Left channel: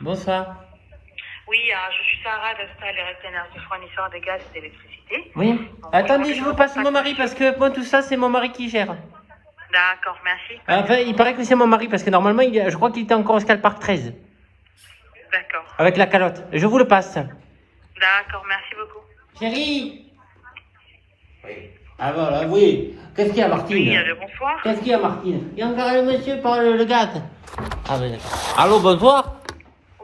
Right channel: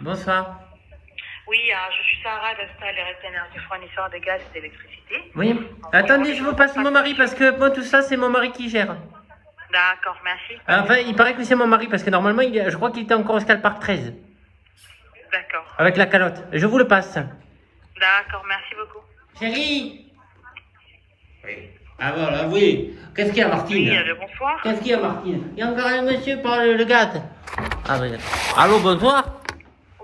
Bonsoir. Oui, je suis Sarah de Star Direct Energy, fournisseur de gaz et d'électricité. Oui. Attendez, je vous passe mon mari parce que moi tout ça c'est mon mari qui gère. D'accord, merci. Enfin, il paraît que c'est mon mari parce que normalement je crois qu'il était encore au Scalpark 13 D'accord. avec la calotte. Je vous le passe. D'accord, merci beaucoup. Chérie. Oui. Ah voilà, oui. Qu'est-ce qu'il y a Martine? Oui, bonsoir. Qu'est-ce qu'il y a Martine? Il y a encore un monsieur par le gaz. Ah ben d'accord. Allô, bonsoir.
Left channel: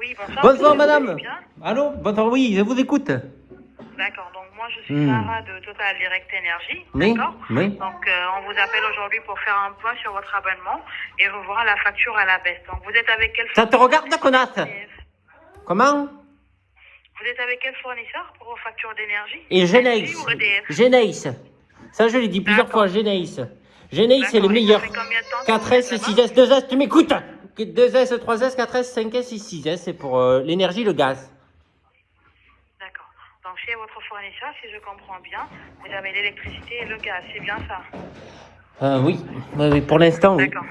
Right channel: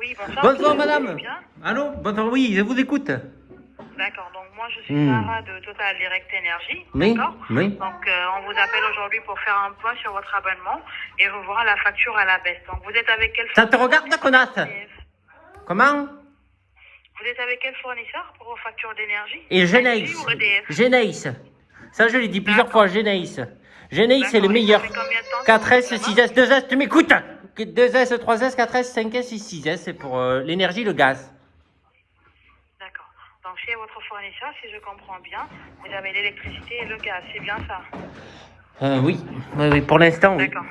Oui, bonsoir. Bonsoir madame. Bien. Allô, bonsoir, oui, je vous écoute. D'accord, donc moi je suis Sarah de Total Direct Energy. Oui, D'accord. oui. Donc on vous appelle aujourd'hui pour faire un point sur votre abonnement et revoir la facture à la baisse. Donc vous êtes avec quel Ça te regarde, connasse? EDF? Comment? Vous êtes avec quel fournisseur pour vos factures d'énergie? Et Geneis. Ou EDF? Geneis. Ça, je l'ai dit plusieurs fois, Geneis. Geneis, c'est le meilleur. 4S, 6S, 2S, tu m'écoutes? 2S, 3S, 4S, 5S, 6S, c'est pour l'énergie, le gaz. D'accord. Donc chez votre fournisseur, si je comprends bien, vous avez l'électricité et le gaz, c'est bien ça? Oui. Oui, pour l'instant, oui. D'accord.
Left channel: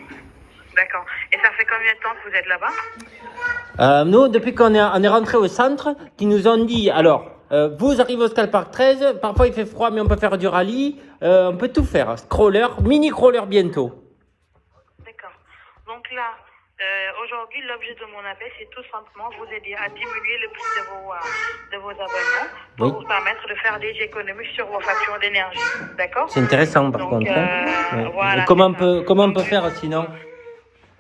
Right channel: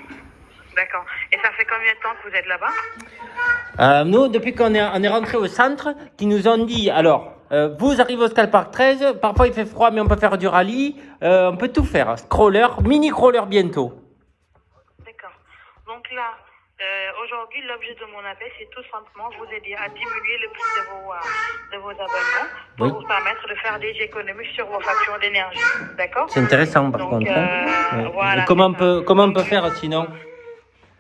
D'accord. Et ça fait combien de temps que vous êtes là-bas? Nous, depuis qu'on est rentré au centre, qui nous ont dit, alors, vous arrivez au Scalpark 13, parfois il fait froid, mais on peut faire du rallye, on peut tout faire. Crawler, mini crawler bientôt. D'accord. Donc là, aujourd'hui, l'objet de mon appel, c'est tout simplement vous aider à diminuer le prix de vos abonnements pour Oui. vous permettre de faire des économies sur vos factures d'énergie. D'accord? C'est intéressant, par Donc, contre. Hein. voilà. Comment on peut faire sinon?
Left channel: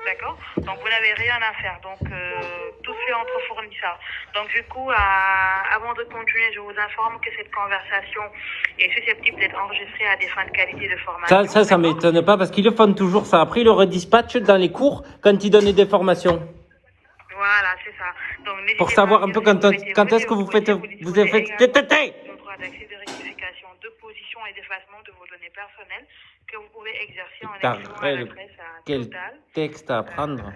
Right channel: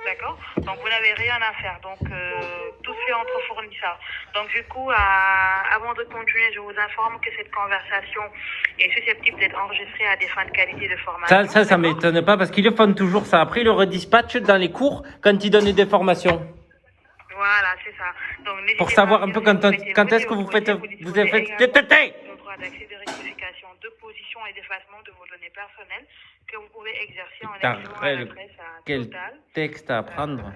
D'accord. Donc vous n'avez rien à faire. Donc tout se fait entre fournisseurs. Donc du coup, avant de continuer, je vous informe que cette conversation est susceptible d'être enregistrée à des fins de qualité de formation. Ça m'étonne pas parce qu'ils le font toujours ça. Après, ils le redispatchent dans les cours quand ils donnent des formations. Voilà, c'est ça. Donc, Pour savoir un peu quand est-ce que vous faites. Vous avez fait. d'accès de rectification de position et d'effacement de vos données personnelles que vous pouvez exercer en Putain, écrivant à l'adresse quel Total. texte à apprendre.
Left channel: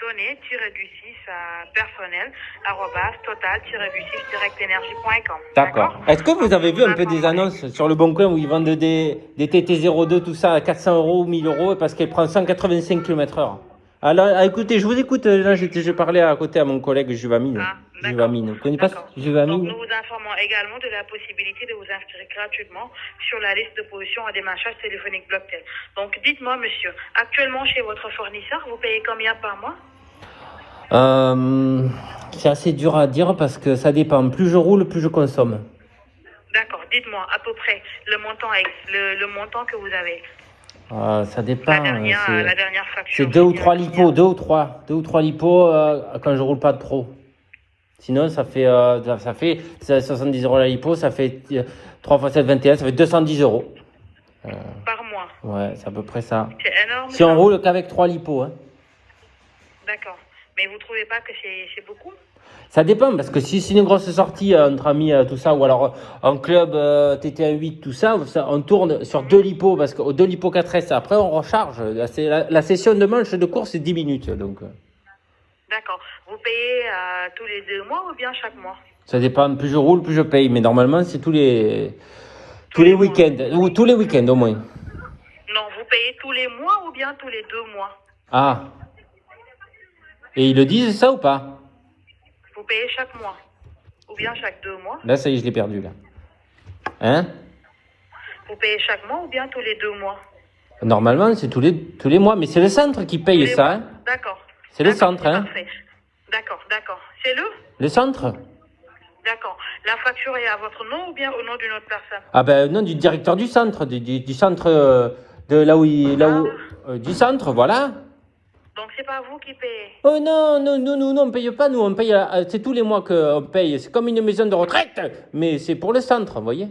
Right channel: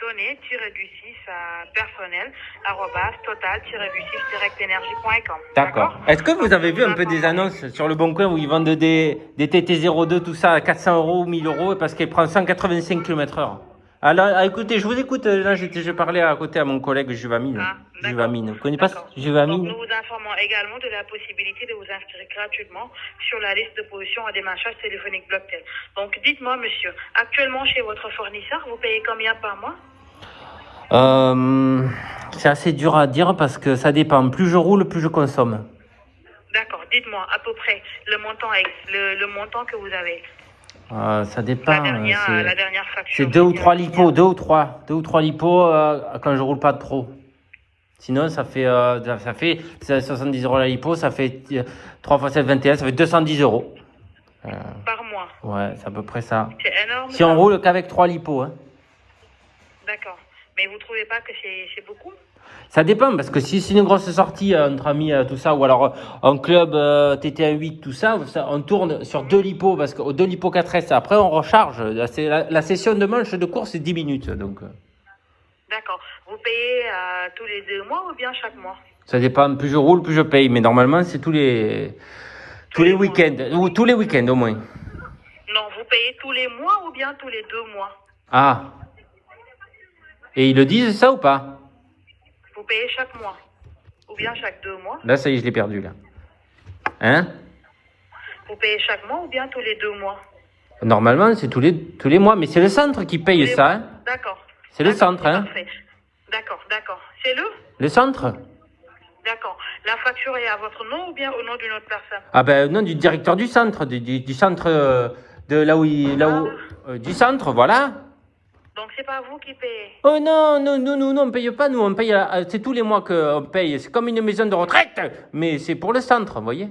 Données-du-6 personnel @total-du6-energie.com. D'accord. Est-ce que vous avez vu un peu des annonces sur le Bon Coin où ils vendent des TT02, tout ça à 400 euros ou 1000 euros parce qu'elle prend 185 km/h? Alors, écoutez, je vous écoute. Là, je parlais à côté à mon collègue Juvamine. Juvamine. Vous connaissez pas Juvamine? Nous vous informons également de la possibilité de vous inscrire gratuitement sur la liste de position à démarchage téléphonique Blocktel. Donc, dites-moi, monsieur, actuellement chez votre fournisseur, vous payez combien par mois? C'est assez dur à dire parce que ça dépend. Plus je roule, plus je consomme. D'accord. Dites-moi à peu près le montant que vous avez. Ça dépend. La dernière facture. C'est 2 ou 3 lipos, 2 ou 3 lipos quand je roule pas trop. Sinon, ça fait 70 euros la lipo, ça fait 3 fois 7, 21, ça fait 210 euros. Par mois. Ouais, c'est à peu près ça. C'est énorme. Si on roule qu'avec 3 lipos, hein. D'accord. Mais vous trouvez pas que c'est beaucoup? Ça dépend, parce que si c'est une grosse sortie entre amis, tout ça, ou alors un club TT1 8, tout ça, on tourne sur 2 lipos, parce qu'au 2 lipos 4S, après on recharge. La session de manche de course, c'est 10 minutes. Donc. D'accord. Vous payez tous les 2 mois ou bien chaque mois? Ça dépend, plus je roule, plus je paye. Mais normalement, c'est tous les week-ends, ou tous les week-ends au moins. Non, vous payez tous les mois ou bien tous les 2 mois? Ah. Et ils le disent ça ou pas? Vous payez chaque mois ou bien chaque 2 mois? Là, ça y est, je l'ai perdu, là. Hein? Vous payez chaque mois ou bien tous les 2 mois? Normalement, c'est tous les mois, mais c'est le centre qui paye ça, hein? D'accord. C'est le centre, hein? Parfait. D'accord. C'est Le centre? D'accord. La facture est à votre nom ou bien au nom d'une autre personne? Ah ben non, du directeur du centre, du centre de là où du centre, voilà. Donc c'est pas vous qui payez? Oh non, on paye pas, nous, on paye, c'est tous les mois qu'on paye. C'est comme une maison de retraite, mais c'est pour le centre, vous voyez?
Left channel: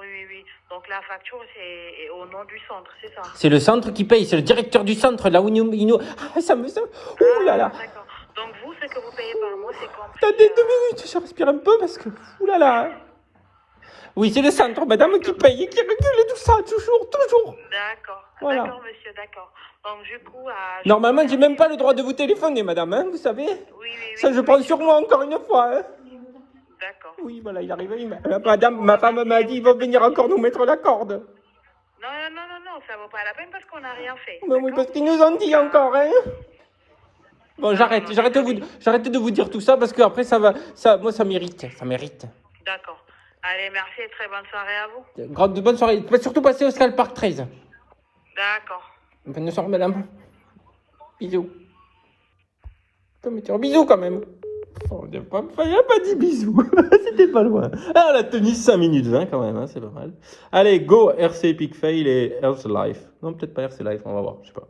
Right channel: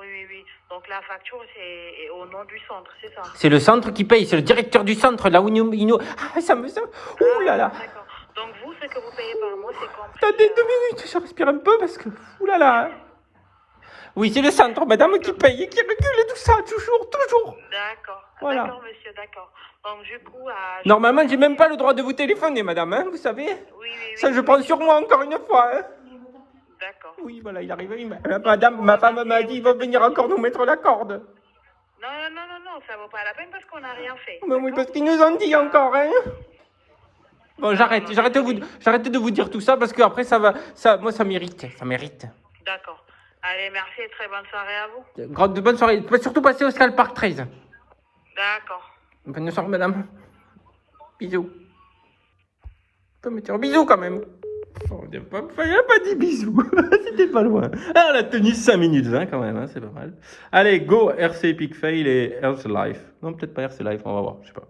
Oui. Donc la facture est au nom du centre, c'est ça? C'est le centre qui paye, c'est le directeur du centre, là où il nous... Ah, ça... Ouh là là. Donc vous, ce que vous payez par mois, c'est compris... Attendez 2 minutes, je respire un peu parce que... Ouh là là. Hein. Oui, c'est le centre, madame, qui paye et qui régule tout ça, toujours. D'accord. Voilà. D'accord, monsieur, d'accord. Donc du coup... Normalement, j'ai même pas le droit de vous téléphoner, madame, hein, vous savez? Oui. Ça, je prends sur moi encore une fois, hein. D'accord. Oui, voilà, il arrive. Ma femme m'a dit, ils vont venir encore nous mettre la corde. Non, ça vaut pas la peine parce qu'on n'a rien fait. Mais oui, parce qu'ils nous ont dit encore, hein. Bon, j'arrête de vous dire tout ça parce que après moi ça m'irrite, D'accord. Allez, merci et très bonne soirée à vous. De bonne soirée, surtout passer au Skull Park 13. D'accord. Bonne soirée, madame. Bisous. Tu peux me dire bisous quand même. Oh, il n'a pas dit bisous. C'était pas loin. Ah, la tenue 5 minutes 20 quand même, hein, c'est pas mal. Allez, go RC Epic Fail et Earth Life. Non, peut-être pas RC Life, on va voir, je sais pas.